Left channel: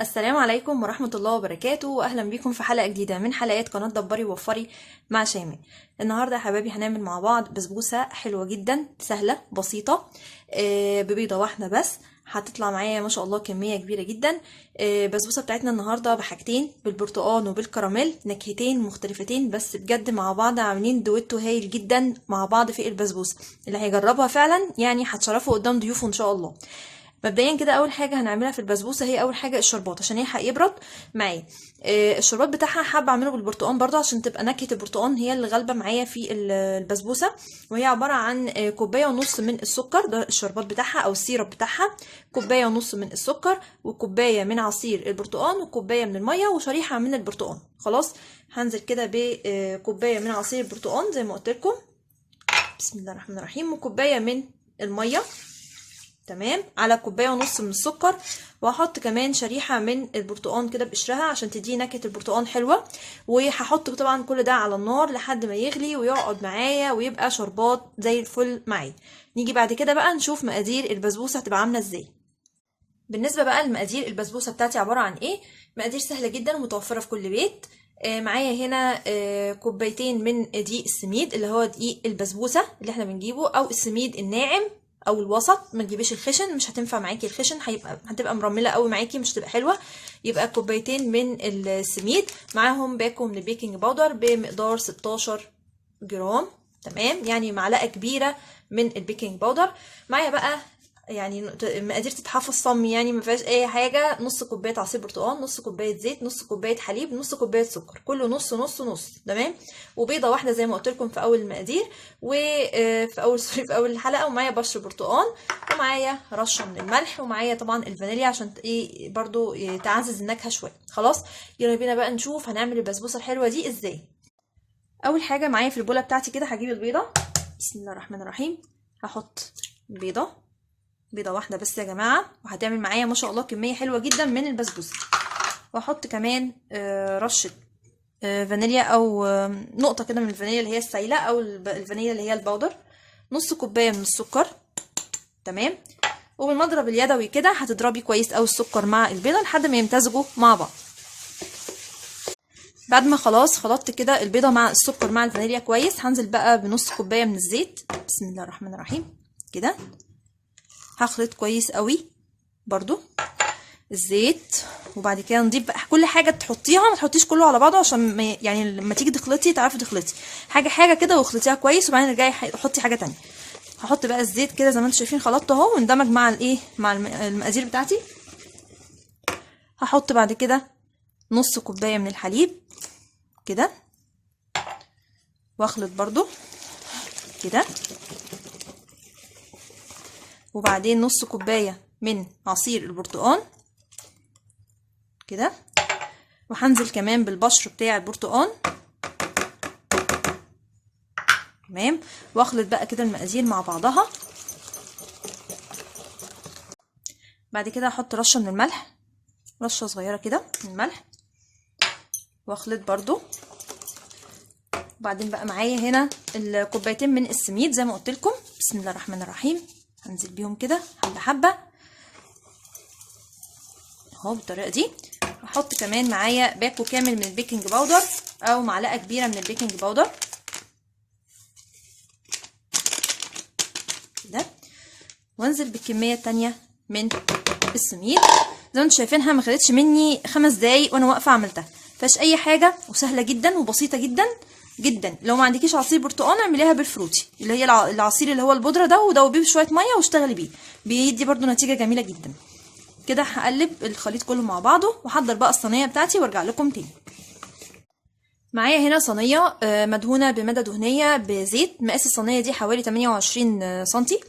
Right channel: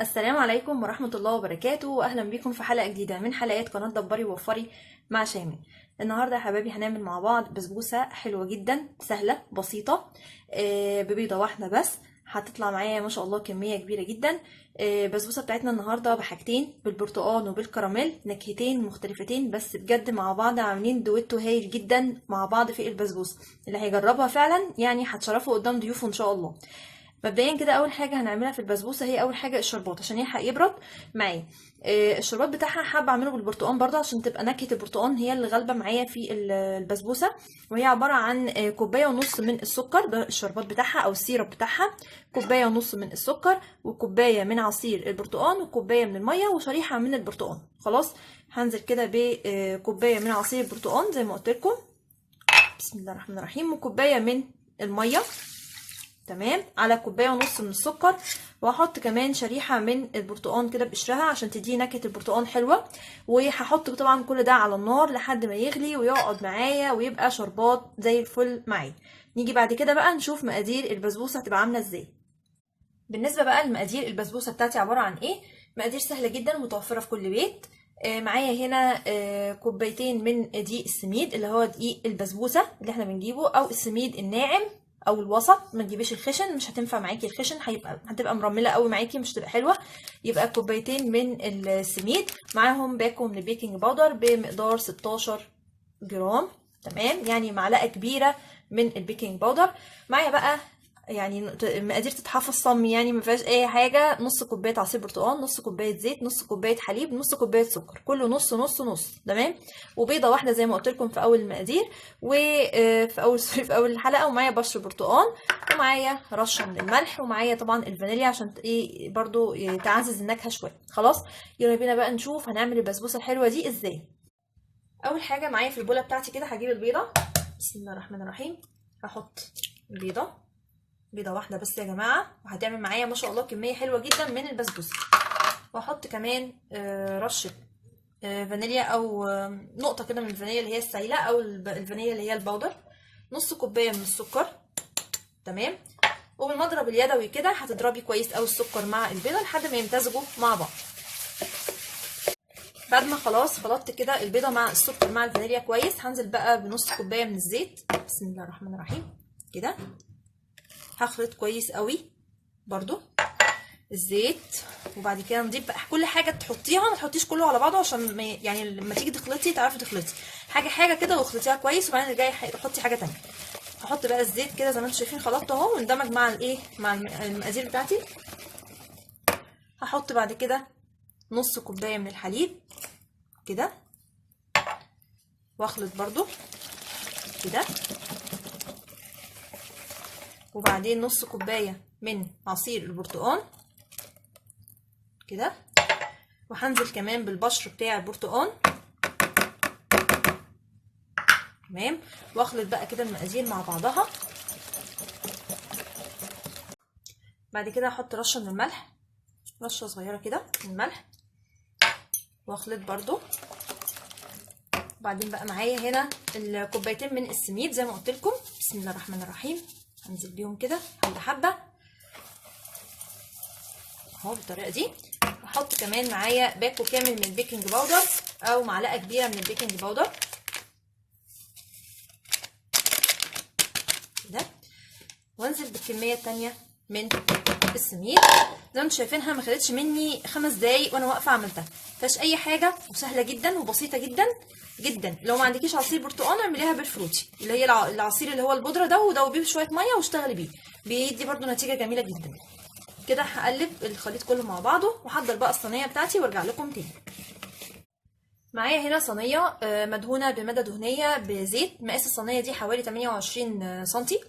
السلام عليكم ورحمة الله وبركاته، وأهلا بكم في حلقة جديدة من حلقات قناة دبري ووفري مع شيماء. النهاردة يا حبايبي هنعمل مع بعض بسبوسة حلوة جدا سهلة بسيطة، ببيضة واحدة بس. هتطلع معايا ما شاء الله كمية كبيرة جدا. بسبوسة بتاعتنا النهاردة بحاجتين، بالبرتقال وبالكراميل، نكهتين مختلفتين بس بجد مع بعض عاملين دويتو هايل جدا مع بعض في البسبوسة. اللي هيجربها فعلا يعني هتشرفه قدام ضيوفه ان شاء الله. مبدئيا كده اول حاجه هنعملها في البسبوسه هي اول حاجه الشربات عشان يلحق يبرد معايا. الشربات بتاعها حابه اعمله بالبرتقال برضه عشان تبقى نكهه البرتقال هي اللي غالبه معايا في البسبوسه. وهي عباره عن كوبايه ونص من السكر، ده الشربات بتاعها او السيرب بتاعها. كوبايه ونص من السكر، وكوبايه من عصير البرتقال، وكوبايه من الميه، وشريحه من البرتقال. خلاص، هنزل كده بكوبايه من عصير البرتقال زي ما قلت لكم، بسم الله الرحمن الرحيم، وكوبايه من الميه، تمام، على كوبايه ونص من السكر. وهحط كمان شريحه من البرتقال كده بقشرها عشان تدي نكهه البرتقال حلوه. وهحط طبعا كل ده على النار لحد ما يغلي ويقعد معايا ويبقى شربات زي الفل معايا. نيجي بعد كده بقى نشوف مقادير البسبوسه هتبقى عامله ازاي. بالنسبه بقى لمقادير البسبوسه بتاعتي عباره عن ايه؟ مقادير سهله جدا ومتوفره في كل بيت. معايا هنا كوبايتين من دقيق السميد اللي هو دقيق البسبوسه اللي احنا بنجيبه، او السميد الناعم او الوسط، ما تجيبيش الخشن، مش هتنفع معاكي الخشن، هتبقى مرمله قوي معاكي، مش هتبقى حلوه. يبقى كوبايتين من السميد، معاهم باكو من البيكنج باودر بمقدار 16 جرام، تمام، يعني معلقه كبيره من البيكنج باودر. معايا بقى يعني المقادير تتحفظ صم، يعني ما فيهاش اي حاجه. نص كوبايه عصير برتقال، نص كوبايه زيت، نص كوبايه حليب، نص كوبايه سكر، كله نص نص نص، تمام. وبيضه واحده زي ما قلت لكم في اول المقادير، وفي اول في اول الحلقه. ومعايا بشر برتقال، ومعايا رشه من الملح، ومعايا طبعا الفانيليا عشان ايه برضو تعزز النكهه شويه. خلاص، يلا بينا بقى نشوف هنعمل البسبوسه الحلوه دي ازاي. اول حاجه معايا في البوله بتاعتي كده هجيب البيضه، بسم الله الرحمن الرحيم. هحط بيضه واحده بس يا جماعه، وهتعمل معايا ما شاء الله كميه حلوه جدا من البسبوسه. واحط كمان رشه فانيليا، او نقطه كده من الفانيليا اللي هي السايله، او الفانيليا اللي هي البودر. نص كوبايه من السكر، تمام. وبالمضرب اليدوي كده هتضربي كويس قوي السكر مع البيضه لحد ما يمتزجوا مع بعض. بعد ما خلاص خلطت كده البيضه مع السكر مع الفانيليا كويس، هنزل بقى بنص كوبايه من الزيت، بسم الله الرحمن الرحيم كده. هخلط كويس قوي برضو الزيت. وبعد كده نضيف بقى كل حاجه تحطيها، ما تحطيش كله على بعضه عشان يعني لما تيجي تخلطي تعرفي تخلطي حاجه حاجه كده، واخلطيها كويس. وبعدين ارجعي حطي حاجه تانية. هحط بقى الزيت كده زي ما انتم شايفين، خلطته اهو واندمج مع الايه، مع المقادير بتاعتي. هحط بعد كده نص كوبايه من الحليب كده، واخلط برضو كده. وبعدين نص كوبايه من عصير البرتقال كده، وهنزل كمان بالبشر بتاع البرتقال، تمام. واخلط بقى كده المقادير مع بعضها. بعد كده هحط رشه من الملح، رشه صغيره كده من الملح، واخلط برضو. وبعدين بقى معايا هنا الكوبايتين من السميد زي ما قلت لكم، بسم الله الرحمن الرحيم. هنزل بيهم كده حبه حبه اهو بالطريقه دي. احط كمان معايا باكو كامل من البيكنج باودر، او معلقه كبيره من البيكنج باودر كده. وانزل بالكميه التانيه من السميد زي ما انتم شايفينها، ما خدتش مني 5 دقايق وانا واقفه عملتها. مفيهاش اي حاجه، وسهله جدا وبسيطه جدا جدا. لو ما عندكيش عصير برتقال اعمليها بالفروتي اللي هي العصير اللي هو البودره ده، ودوبيه بشويه ميه واشتغلي بيه، بيدي برده نتيجه جميله جدا. كده هقلب الخليط كله مع بعضه، واحضر بقى الصينيه بتاعتي وارجع لكم تاني. معايا هنا صينيه مدهونه بماده دهنيه بزيت. مقاس الصينيه دي حوالي 28 سنتي،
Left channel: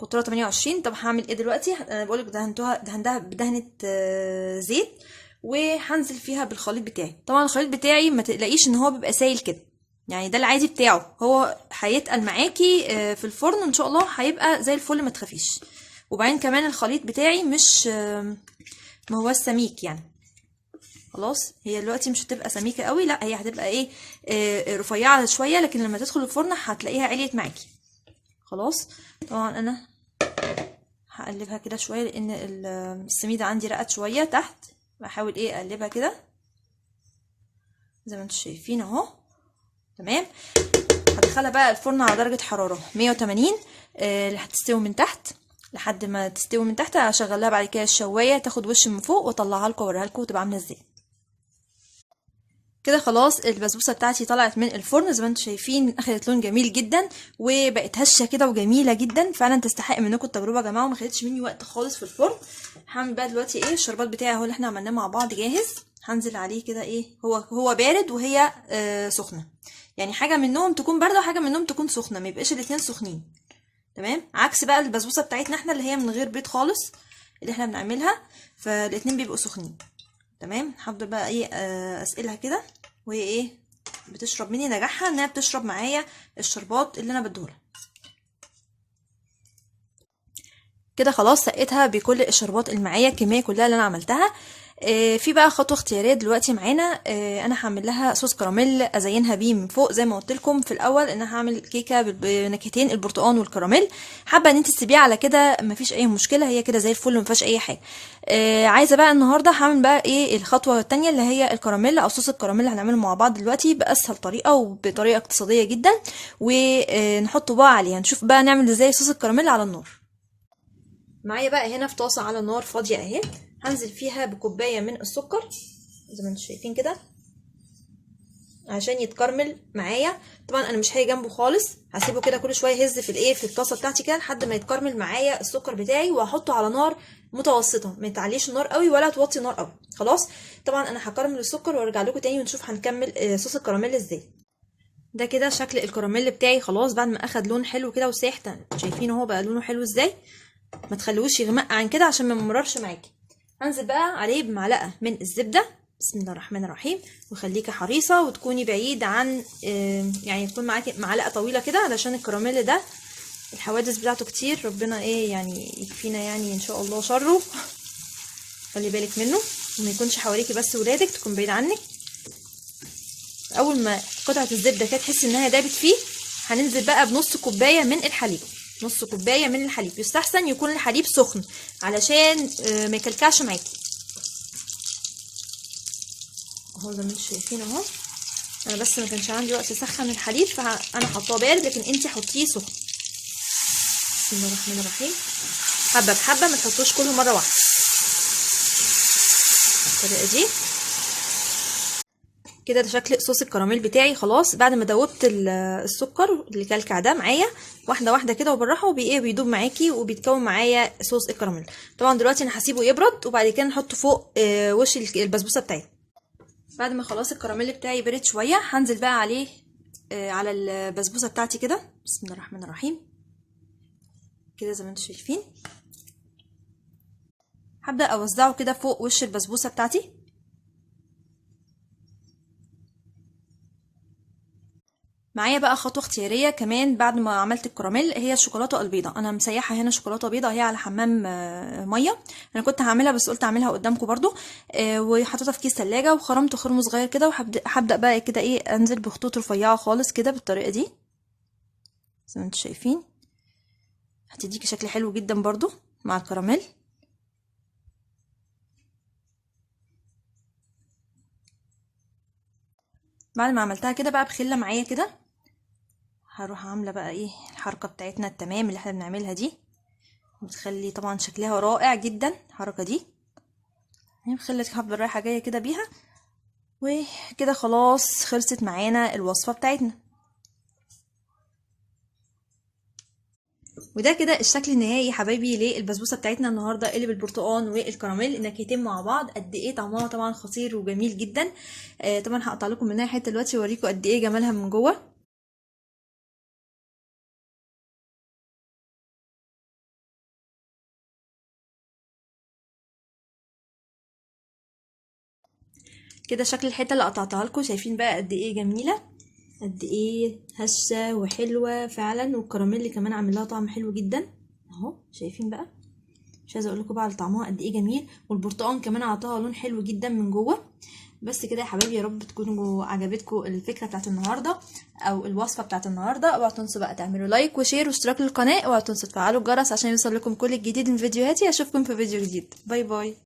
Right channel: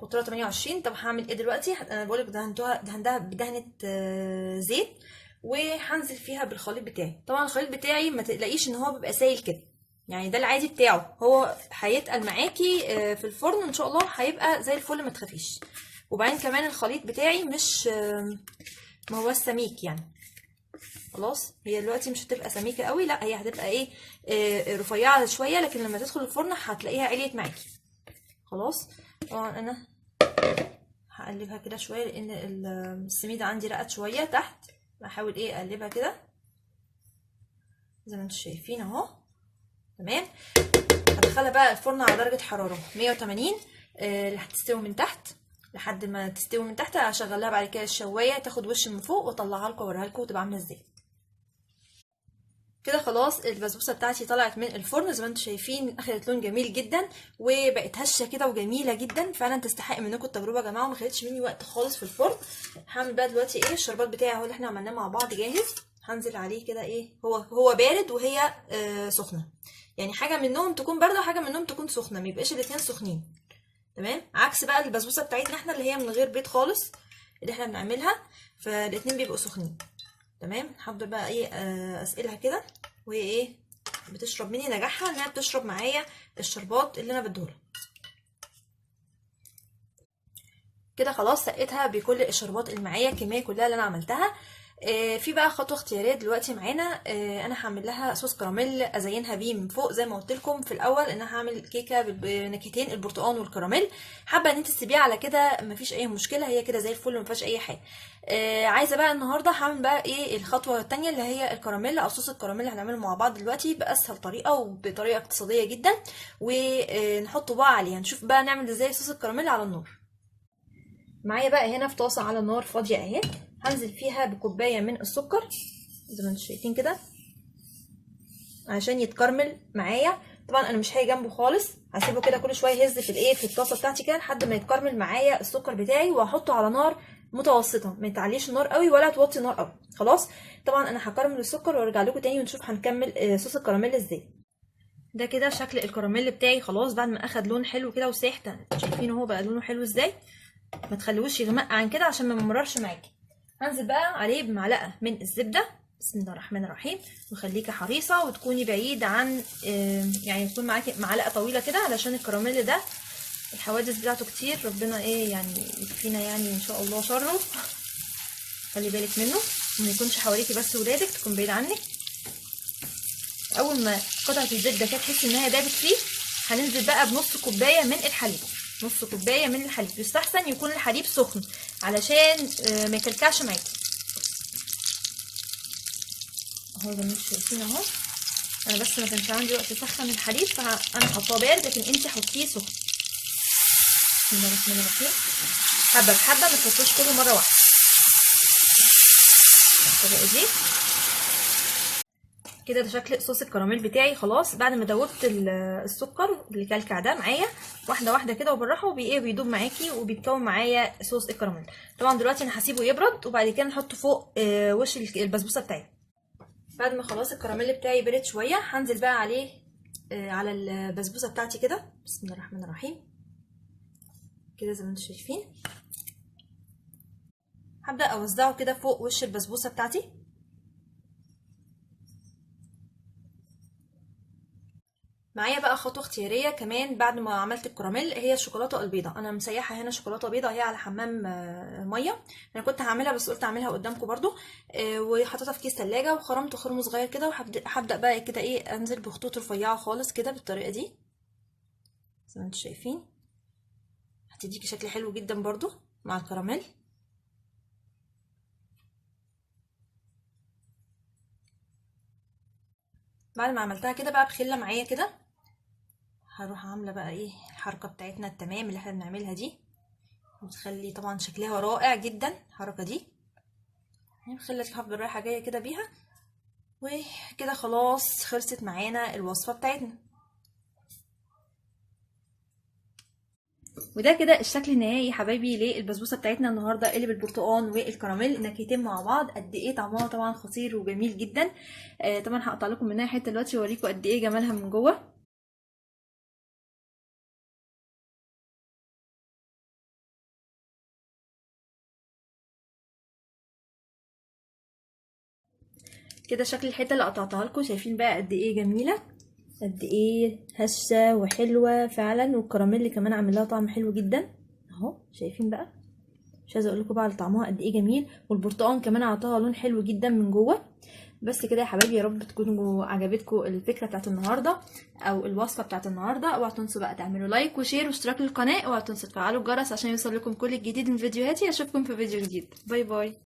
قطرها 28. طب هعمل ايه دلوقتي؟ بقولك دهنتها بدهنه زيت، وهنزل فيها بالخليط بتاعي. طبعا الخليط بتاعي ما تقلقيش ان هو بيبقى سايل كده، يعني ده العادي بتاعه، هو هيتقل معاكي في الفرن ان شاء الله هيبقى زي الفل، ما تخافيش. وبعدين كمان الخليط بتاعي مش ما هو سميك يعني. خلاص، هي دلوقتي مش هتبقى سميكه قوي، لا هي هتبقى ايه، رفيعه شويه، لكن لما تدخل الفرن هتلاقيها عليت معاكي. خلاص، طبعا انا هقلبها كده شويه لان السميده عندي رقت شويه تحت. بحاول ايه اقلبها كده زي ما انتم شايفين اهو. تمام. هدخلها بقى الفرن على درجه حراره 180 اللي هتستوي من تحت. لحد ما تستوي من تحت هشغلها بعد كده الشوايه تاخد وش من فوق واطلعها لكم واوريها لكم تبقى عامله ازاي. كده خلاص البسبوسه بتاعتي طلعت من الفرن زي ما انتم شايفين، اخدت لون جميل جدا وبقت هشه كده وجميله جدا، فعلا تستحق منكم التجربه يا جماعه، وما خدتش مني وقت خالص في الفرن. هعمل بقى دلوقتي ايه الشربات بتاعي اهو اللي احنا عملناه مع بعض جاهز. هنزل عليه كده ايه، هو بارد وهي سخنه، يعني حاجه منهم تكون بارده وحاجه منهم تكون سخنه، ما يبقاش الاثنين سخنين. تمام. عكس بقى البسبوسه بتاعتنا احنا اللي هي من غير بيض خالص اللي احنا بنعملها، فالاثنين بيبقوا سخنين. تمام. هفضل بقى ايه اسقلها كده، وهي ايه بتشرب مني. نجاحها انها بتشرب معايا الشربات اللي انا بديهولها. كده خلاص سقيتها بكل الشربات اللي معايا، الكميه كلها اللي انا عملتها. في بقى خطوه اختياريه دلوقتي معانا. انا هعمل لها صوص كراميل ازينها بيه من فوق زي ما قلت لكم في الاول ان انا هعمل كيكه بنكهتين البرتقال والكراميل. حابه ان انت تسيبيها على كده مفيش اي مشكله، هي كده زي الفل ومفيهاش اي حاجه. عايزه بقى النهارده هعمل بقى ايه الخطوه الثانيه اللي هي الكراميل او صوص الكراميل اللي هنعمله مع بعض دلوقتي باسهل طريقه وبطريقه اقتصاديه جدا، ونحطه بقى عليها. نشوف بقى نعمل ازاي صوص الكراميل على النار. معايا بقى هنا في طاسه على النار فاضيه اهي، هنزل فيها بكوبايه من السكر زي ما انتم شايفين كده عشان يتكرمل معايا. طبعا انا مش هاجي جنبه خالص، هسيبه كده كل شويه يهز في الايه في الطاسه بتاعتي كده لحد ما يتكرمل معايا السكر بتاعي، وهحطه على نار متوسطه، ما تعليش النار قوي ولا توطي النار قوي. خلاص. طبعا انا هكرمل السكر وارجع لكم تاني ونشوف هنكمل صوص الكراميل ازاي. ده كده شكل الكراميل بتاعي خلاص بعد ما اخد لون حلو كده وسايح. شايفين اهو بقى لونه حلو ازاي. ما تخليهوش يغمق عن كده عشان ما يمررش معاكي. هنزل بقى عليه بمعلقه من الزبده بسم الله الرحمن الرحيم، وخليكي حريصه وتكوني بعيد عن يعني تكون معاكي معلقه طويله كده علشان الكراميل ده الحوادث بتاعته كتير، ربنا ايه يعني يكفينا يعني ان شاء الله شره. خلي بالك منه ما يكونش حواليكي بس ولادك، تكون بعيد عنك. اول ما قطعه الزبده كده تحسي انها دابت فيه هننزل بقى بنص كوبايه من الحليب. نص كوبايه من الحليب، يستحسن يكون الحليب سخن علشان ما يكلكعش معاكي اهو زي ما انتم شايفين اهو. انا بس ما كانش عندي وقت اسخن الحليب فانا حاطاه بارد، لكن انتي حطيه سخن. بسم الله الرحمن الرحيم. حبه بحبه، ما تحطوش كله مره واحده بالطريقه دي كده. ده شكل صوص الكراميل بتاعي خلاص بعد ما دوبت السكر اللي كلكع ده معايا واحده واحده كده وبالراحه، بيدوب معاكي وبيتكون معايا صوص الكراميل. طبعا دلوقتي انا هسيبه يبرد وبعد كده نحطه فوق وش البسبوسه بتاعتي. بعد ما خلاص الكراميل بتاعي برد شويه هنزل بقى عليه على البسبوسه بتاعتي كده بسم الله الرحمن الرحيم كده زي ما انتم شايفين. هبدا اوزعه كده فوق وش البسبوسه بتاعتي. معايا بقى خطوه اختياريه كمان بعد ما عملت الكراميل، هي الشوكولاته البيضاء. انا مسيحه هنا شوكولاته بيضاء هي على حمام ميه. انا كنت هعملها بس قلت اعملها قدامكم برضو. وحطيتها في كيس ثلاجه وخرمت خرم صغير كده، وهبدا بقى كده ايه انزل بخطوط رفيعه خالص كده بالطريقه دي زي ما انتم شايفين. هتديكي شكل حلو جدا برضو مع الكراميل. بعد ما عملتها كده بقى بخله معايا كده هروح عامله بقى ايه الحركه بتاعتنا التمام اللي احنا بنعملها دي، بتخلي طبعا شكلها رائع جدا الحركه دي. بخله هفضل رايحه جايه كده بيها، وكده خلاص خلصت معانا الوصفه بتاعتنا. وده كده الشكل النهائي يا حبايبي للبسبوسه بتاعتنا النهارده اللي بالبرتقال والكراميل، النكهتين مع بعض. قد ايه طعمها طبعا خطير وجميل جدا. طبعا هقطع لكم منها حته دلوقتي واوريكم قد ايه جمالها من جوه. كده شكل الحته اللي قطعتها لكم، شايفين بقى قد ايه جميله، قد ايه هشه وحلوه فعلا، والكراميل كمان عامل لها طعم حلو جدا اهو. شايفين بقى مش عايزه اقول لكم بقى على طعمها قد ايه جميل، والبرتقال كمان عطاها لون حلو جدا من جوه. بس كده يا حبايبي، يا رب تكونوا عجبتكم الفكره بتاعت النهارده او الوصفه بتاعت النهارده. اوعوا تنسوا بقى تعملوا لايك وشير واشتراك للقناه. اوعوا تنسوا تفعلوا الجرس عشان يوصل لكم كل الجديد من فيديوهاتي. اشوفكم في فيديو جديد. باي باي.